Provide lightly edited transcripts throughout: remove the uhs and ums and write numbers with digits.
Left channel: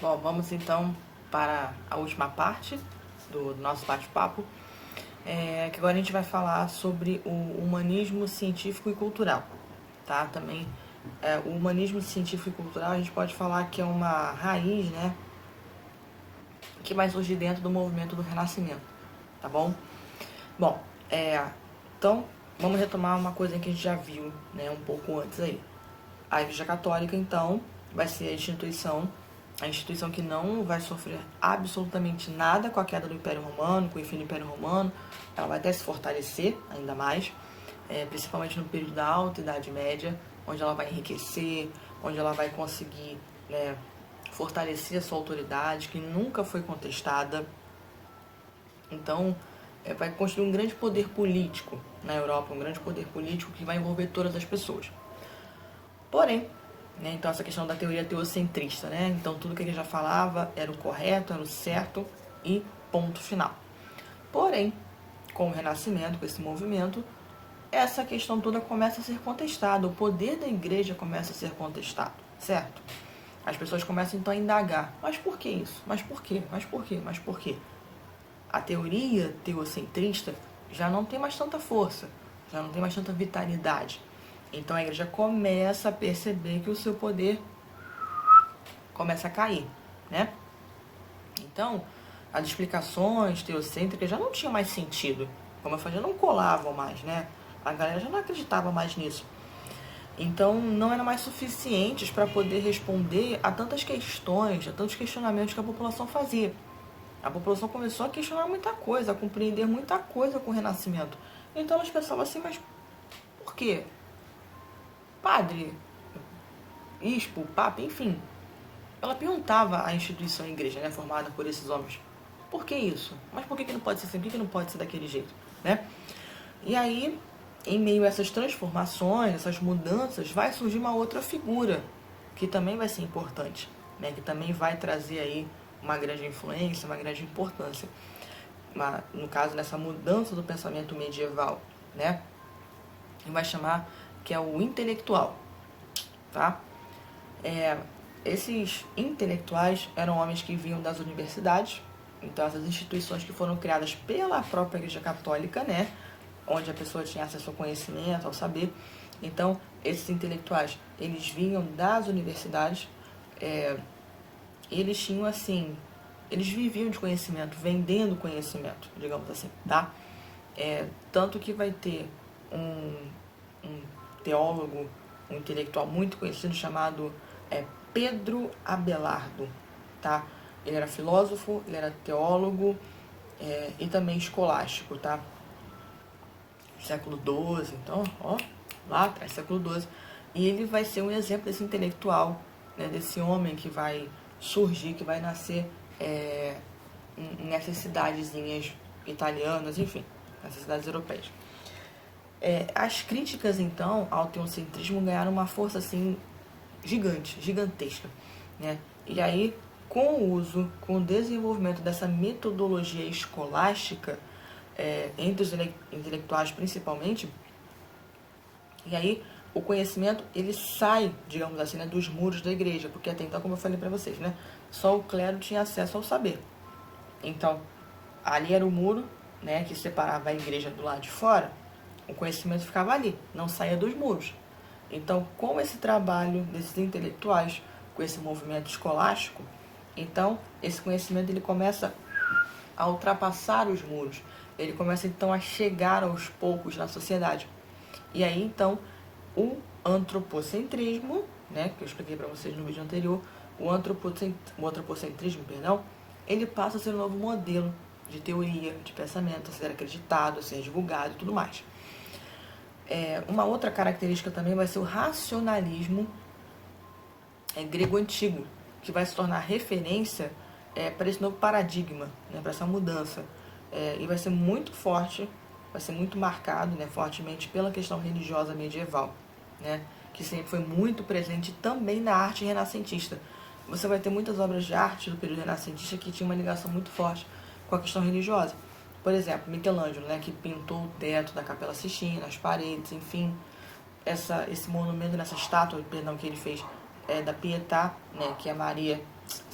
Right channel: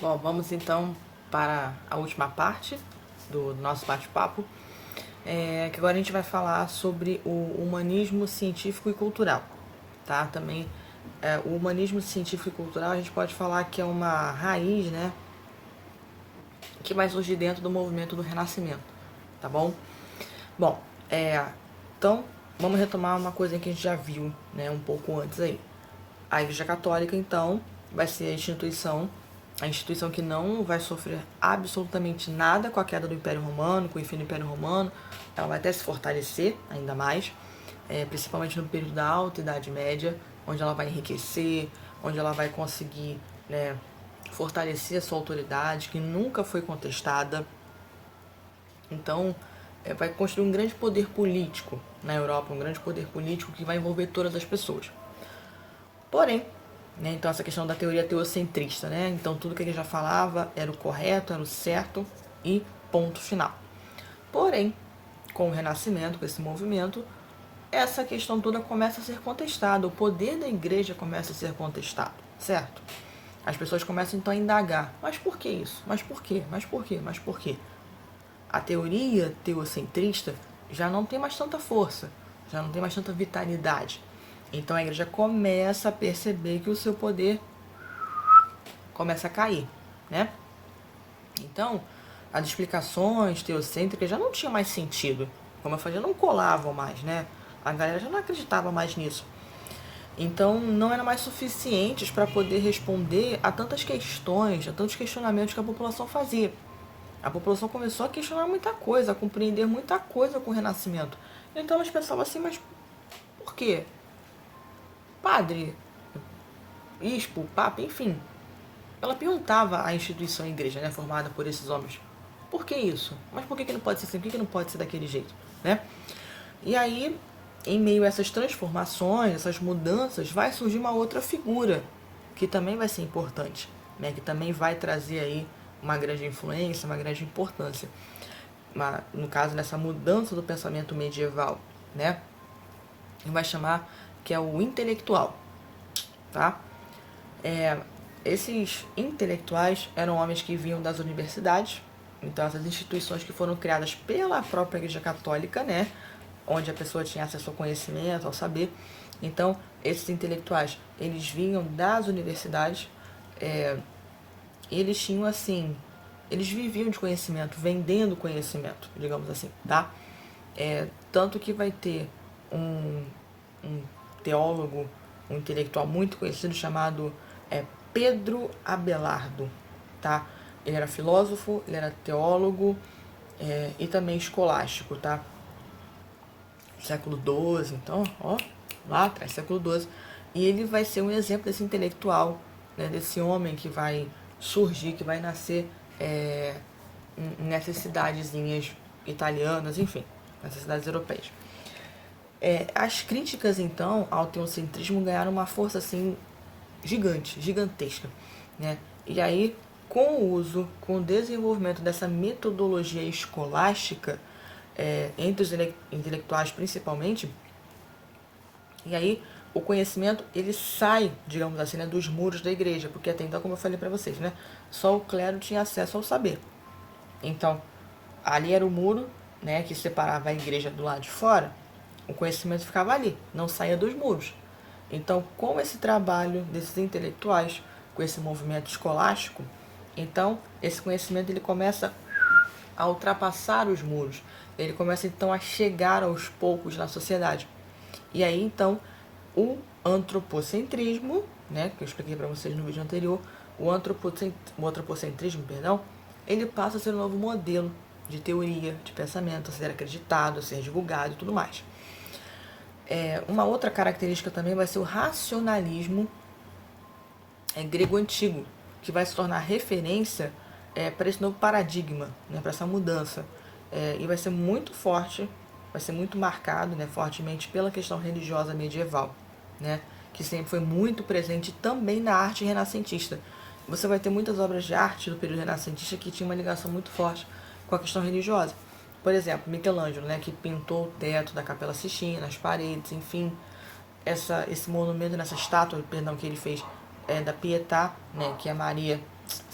Bom, vamos então para a última parte do nosso bate-papo, que agora a gente vai falar sobre o humanismo científico e cultural, tá? Também o humanismo científico e cultural a gente pode falar que é uma raiz, né, que vai surgir dentro do movimento do Renascimento, tá bom? Bom, então vamos retomar uma coisa que a gente já viu, né, um pouco antes aí. A Igreja Católica, então, vai ser a instituição que não vai sofrer absolutamente nada com a queda do Império Romano, com o fim do Império Romano. Ela vai até se fortalecer ainda mais, principalmente no período da Alta Idade Média, onde ela vai enriquecer, onde ela vai conseguir, né, fortalecer a sua autoridade, que nunca foi contestada. Então, vai construir um grande poder político na Europa, um grande poder político que vai envolver todas as pessoas. Porém, né, então essa questão da teoria teocentrista, né? Então tudo que ele já falava era o correto, era o certo e ponto final. Porém, com o Renascimento, com esse movimento, essa questão toda começa a ser contestada, o poder da igreja começa a ser contestado, certo? As pessoas começam então a indagar, mas por que isso? Mas por quê? Mas por quê? Mas por quê? A teoria teocentrista já não tem mais tanta força, já não tem mais tanta vitalidade. Então a igreja começa a perceber que o seu poder começa a cair, né? Então, as explicações teocêntricas já não tinham mais sentido. Como eu falei, já não colavam mais, né? A galera já não acreditava mais nisso. Então, não eram mais suficientes para poder responder a tantas questões, a tantos questionamentos que a população fazia. A população começou a questionar muita coisa, a compreender muita coisa com o Renascimento. Então, elas pensavam assim, mas por quê? Padre, bispo, papa, enfim. Ela perguntava à instituição, à igreja, né, formada por esses homens, por que isso? Mas por que não pode ser assim? Por que não pode ser daquele jeito? Né? E aí, em meio a essas transformações, essas mudanças, vai surgir uma outra figura, que também vai ser importante, né, que também vai trazer aí uma grande influência, uma grande importância. No caso, nessa mudança do pensamento medieval, né? E vai chamar que é o intelectual, tá? Esses intelectuais eram homens que vinham das universidades, então essas instituições que foram criadas pela própria Igreja Católica, né, onde a pessoa tinha acesso ao conhecimento, ao saber. Então, esses intelectuais, eles vinham das universidades, eles tinham assim, eles viviam de conhecimento, vendendo conhecimento, digamos assim, tá? Tanto que vai ter um teólogo, um intelectual muito conhecido chamado Pedro Abelardo, tá? Ele era filósofo, ele era teólogo e também escolástico, tá? Século XII, então, ó, lá atrás, século XII. E ele vai ser um exemplo desse intelectual, né, desse homem que vai surgir, que vai nascer nessas cidadezinhas italianas, enfim, nessas cidades europeias. As críticas, então, ao teocentrismo ganharam uma força, assim, gigante, gigantesca, né? E aí, com o uso, com o desenvolvimento dessa metodologia escolástica, entre os intelectuais principalmente, e aí o conhecimento ele sai, digamos assim, né, dos muros da igreja, porque até então, como eu falei para vocês, né, só o clero tinha acesso ao saber. Então, ali era o muro, né, que separava a igreja do lado de fora, o conhecimento ficava ali, não saía dos muros. Então, com esse trabalho desses intelectuais, com esse movimento escolástico, então esse conhecimento ele começa a ultrapassar os muros, ele começa então a chegar aos poucos na sociedade. E aí então o antropocentrismo, né, que eu expliquei para vocês no vídeo anterior, o antropocentrismo, perdão, ele passa a ser um novo modelo de teoria, de pensamento, a ser acreditado, a ser divulgado e tudo mais. Uma outra característica também vai ser o racionalismo grego antigo, que vai se tornar referência para esse novo paradigma, né, para essa mudança. E vai ser muito forte, vai ser muito marcado, né, fortemente pela questão religiosa medieval, né, que sempre foi muito presente também na arte renascentista. Você vai ter muitas obras de arte do período renascentista que tinham uma ligação muito forte com a questão religiosa. Por exemplo, Michelangelo, né, que pintou o teto da Capela Sistina, as paredes, enfim, esse monumento, nessa estátua, perdão, que ele fez da Pietà, né, que é Maria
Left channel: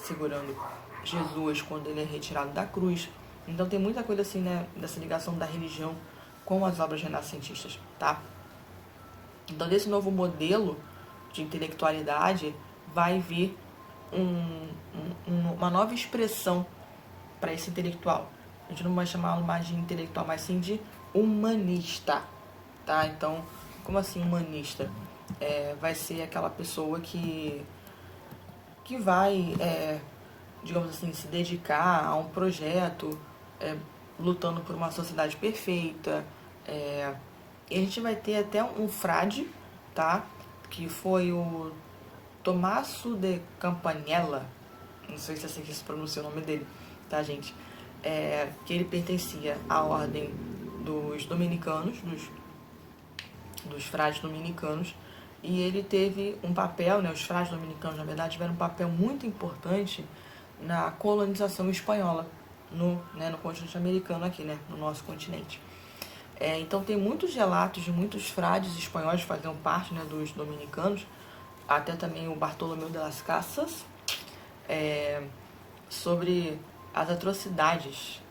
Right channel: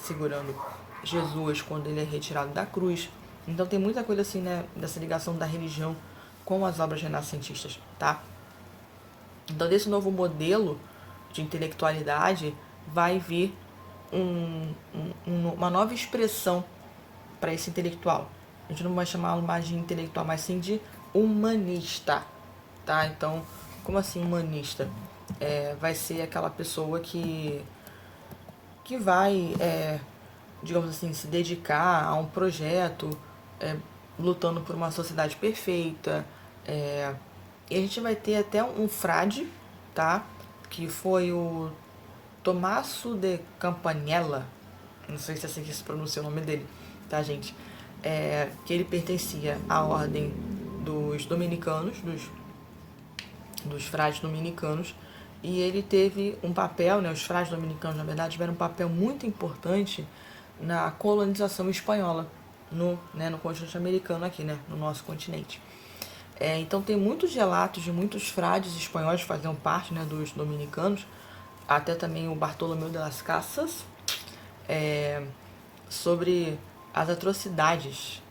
segurando Jesus quando ele é retirado da cruz. Então tem muita coisa assim, né, dessa ligação da religião com as obras renascentistas, tá? Então desse novo modelo de intelectualidade vai vir uma nova expressão para esse intelectual. A gente não vai chamá-lo mais de intelectual, mas sim de humanista, tá? Então, como assim humanista? Vai ser aquela pessoa que vai, digamos assim, se dedicar a um projeto, lutando por uma sociedade perfeita. E a gente vai ter até um frade, tá? Que foi o Tommaso de Campanella, não sei se é assim que se pronuncia o nome dele, tá, gente? Que ele pertencia à ordem dos dominicanos, dos frades dominicanos, e ele teve um papel, né, os frades dominicanos, na verdade, tiveram um papel muito importante na colonização espanhola no continente americano aqui, né, no nosso continente. Então tem muitos relatos de muitos frades espanhóis que faziam parte, né, dos dominicanos, até também o Bartolomeu de las Casas, sobre as atrocidades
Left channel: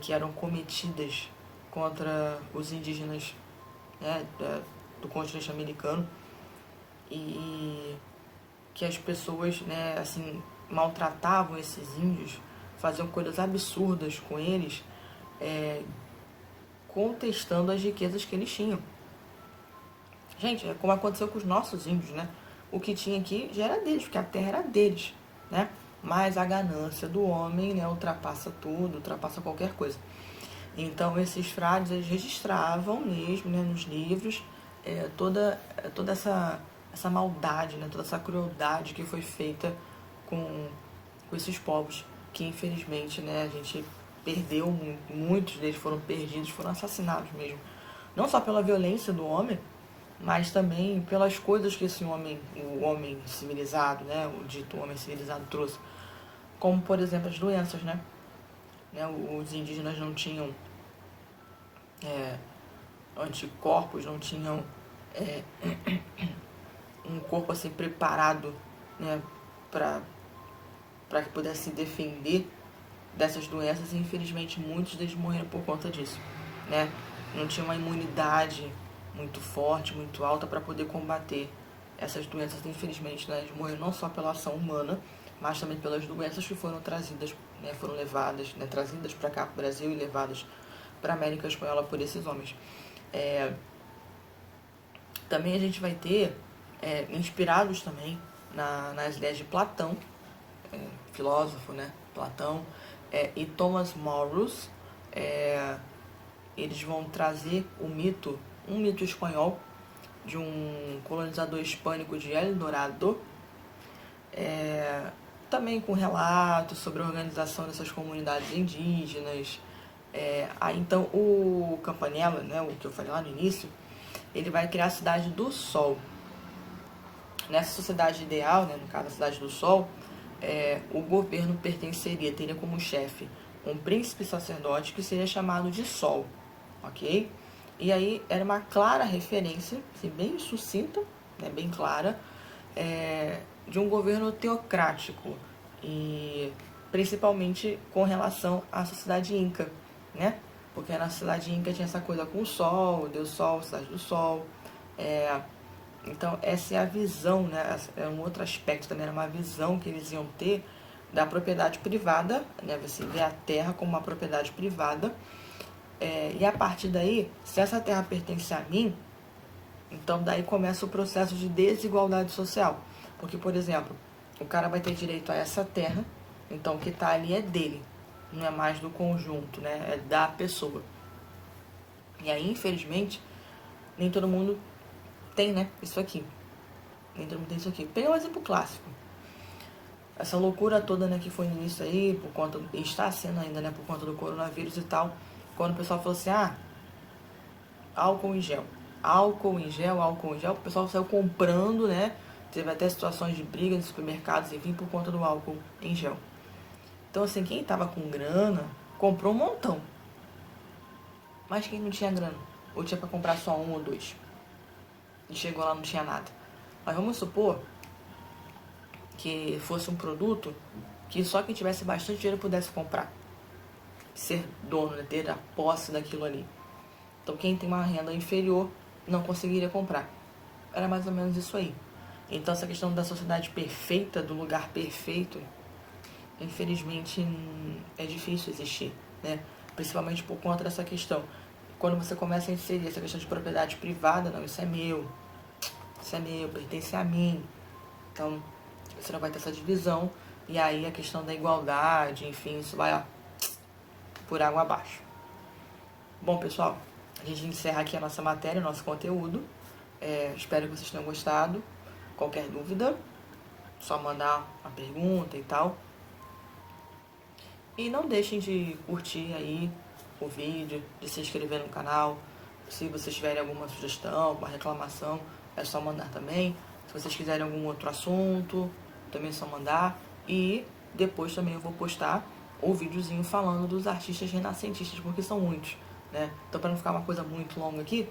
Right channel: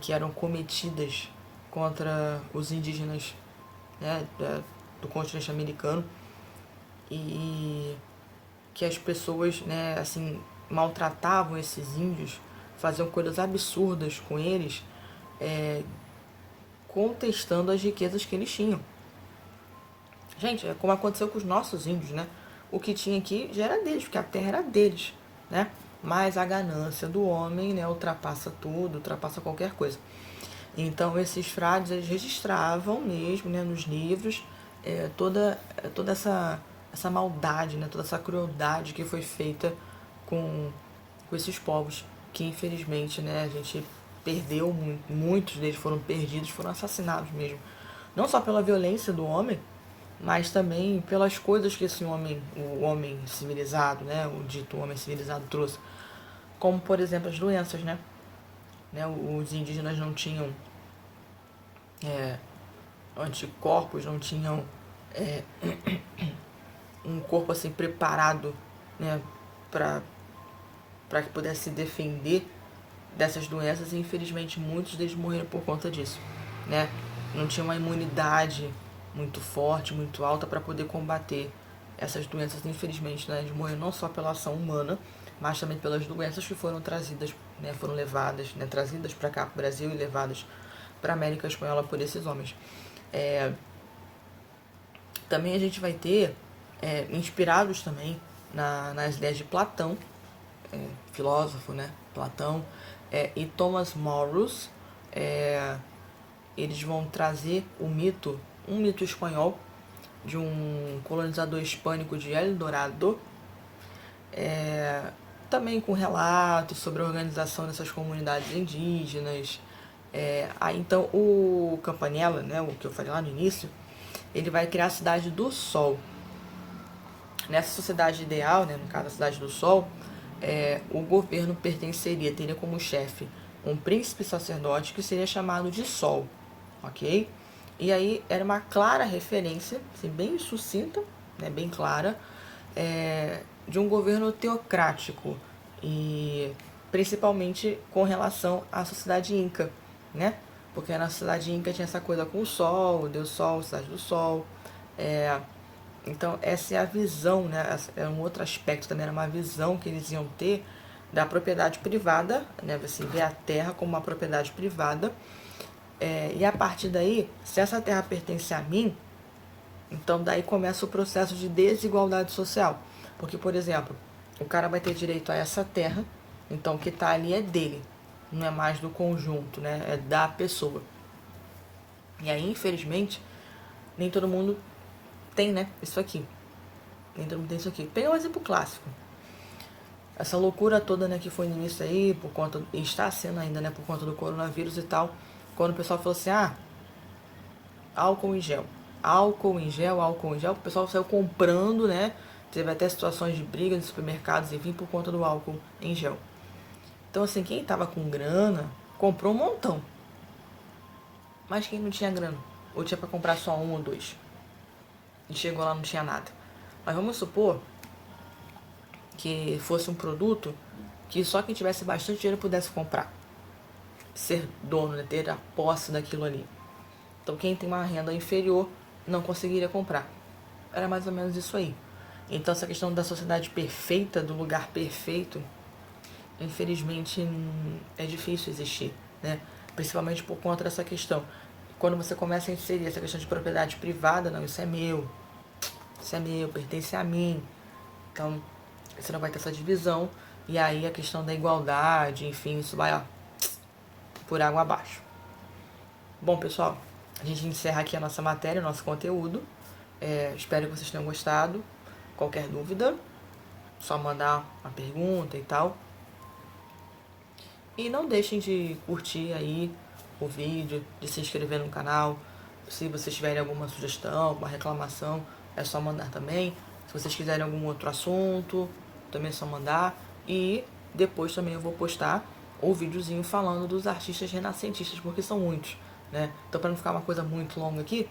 que eram cometidas contra os indígenas, né, do continente americano, e que as pessoas, né, assim, maltratavam esses índios, faziam coisas absurdas com eles, contestando as riquezas que eles tinham. Gente, é como aconteceu com os nossos índios, né? O que tinha aqui já era deles, porque a terra era deles, né? Mas a ganância do homem, né, ultrapassa tudo, ultrapassa qualquer coisa. Então, esses frades, eles registravam mesmo, né, nos livros, toda essa maldade, né, toda essa crueldade que foi feita com esses povos, que infelizmente, né, a gente perdeu, muitos deles foram perdidos, foram assassinados mesmo. Não só pela violência do homem, mas também pelas coisas que esse homem, o homem civilizado, né, o dito homem civilizado trouxe, como por exemplo as doenças, né? Os indígenas não tinham anticorpos, não tinham um corpo assim preparado, né, para que pudesse se defender dessas doenças, e infelizmente muitos deles morreram por conta disso, né? Não tinha uma imunidade muito forte, muito alta para poder combater essas doenças, infelizmente, né? Eles morreram não só pela ação humana, mas também pelas doenças que foram trazidas, né? Foram levadas, né? Trazidas para cá, para o Brasil, e levadas para a América Espanhola por esses homens. Também a gente vai ter, inspirados também nas ideias de Platão, filósofo, né? Platão, e Thomas Morus, eles vão trazer um mito espanhol de um colonizador hispânico de El Dorado, também com relatos sobre a organização dessas comunidades indígenas. Aí então o Campanella, né, o que eu falei lá no início, ele vai criar a Cidade do Sol. Nessa sociedade ideal, né, no caso a Cidade do Sol, o governo teria como chefe um príncipe sacerdote que seria chamado de Sol, ok? E aí era uma clara referência, assim, bem sucinta, né, bem clara, de um governo teocrático, e principalmente com relação à sociedade inca, né? Porque na sociedade inca tinha essa coisa com o sol, Deus Sol, cidade do Sol. Então essa é a visão, né? É um outro aspecto também, era uma visão que eles iam ter da propriedade privada, né? Você vê a terra como uma propriedade privada, e a partir daí, se essa terra pertence a mim, então daí começa o processo de desigualdade social. Porque, por exemplo, o cara vai ter direito a essa terra, então o que está ali é dele, não é mais do conjunto, né? É da pessoa. E aí, infelizmente, nem todo mundo tem, né, isso aqui. Nem todo mundo tem isso aqui. Pega um exemplo clássico. Essa loucura toda, né, que foi no início aí, por conta, e está sendo ainda, né, por conta do coronavírus e tal, quando o pessoal falou assim, álcool em gel. Álcool em gel, o pessoal saiu comprando, né? Teve até situações de briga nos supermercados, enfim, por conta do álcool em gel. Então, assim, quem tava com grana, comprou um montão. Mas quem não tinha grana, ou tinha pra comprar só um ou dois, e chegou lá, não tinha nada. Mas vamos supor que fosse um produto que só quem tivesse bastante dinheiro pudesse comprar, ser dono, né, ter a posse daquilo ali. Então quem tem uma renda inferior não conseguiria comprar. Era mais ou menos isso aí. Então essa questão da sociedade perfeita, do lugar perfeito, infelizmente é difícil existir, né? Principalmente por conta dessa questão. Quando você começa a inserir essa questão de propriedade privada, não, isso é meu, pertence a mim. Então, você não vai ter essa divisão. E aí a questão da igualdade, enfim, isso vai, ó, por água abaixo. Bom, pessoal, a gente encerra aqui a nossa matéria, o nosso conteúdo. Espero que vocês tenham gostado. Qualquer dúvida, só mandar uma pergunta e tal. E não deixem de curtir aí o vídeo, de se inscrever no canal. Se vocês tiverem alguma sugestão, alguma reclamação, é só mandar também. Se vocês quiserem algum outro assunto, também é só mandar. E depois também eu vou postar o videozinho falando dos artistas renascentistas, porque são muitos, né? Então, para não ficar uma coisa muito longa aqui,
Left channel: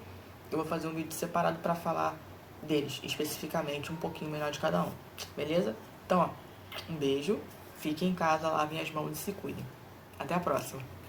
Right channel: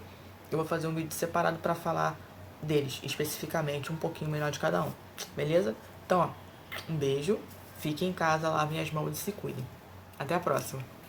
eu vou fazer um vídeo separado para falar deles, especificamente, um pouquinho melhor de cada um. Beleza? Então, ó, um beijo, fiquem em casa, lavem as mãos e se cuidem. Até a próxima!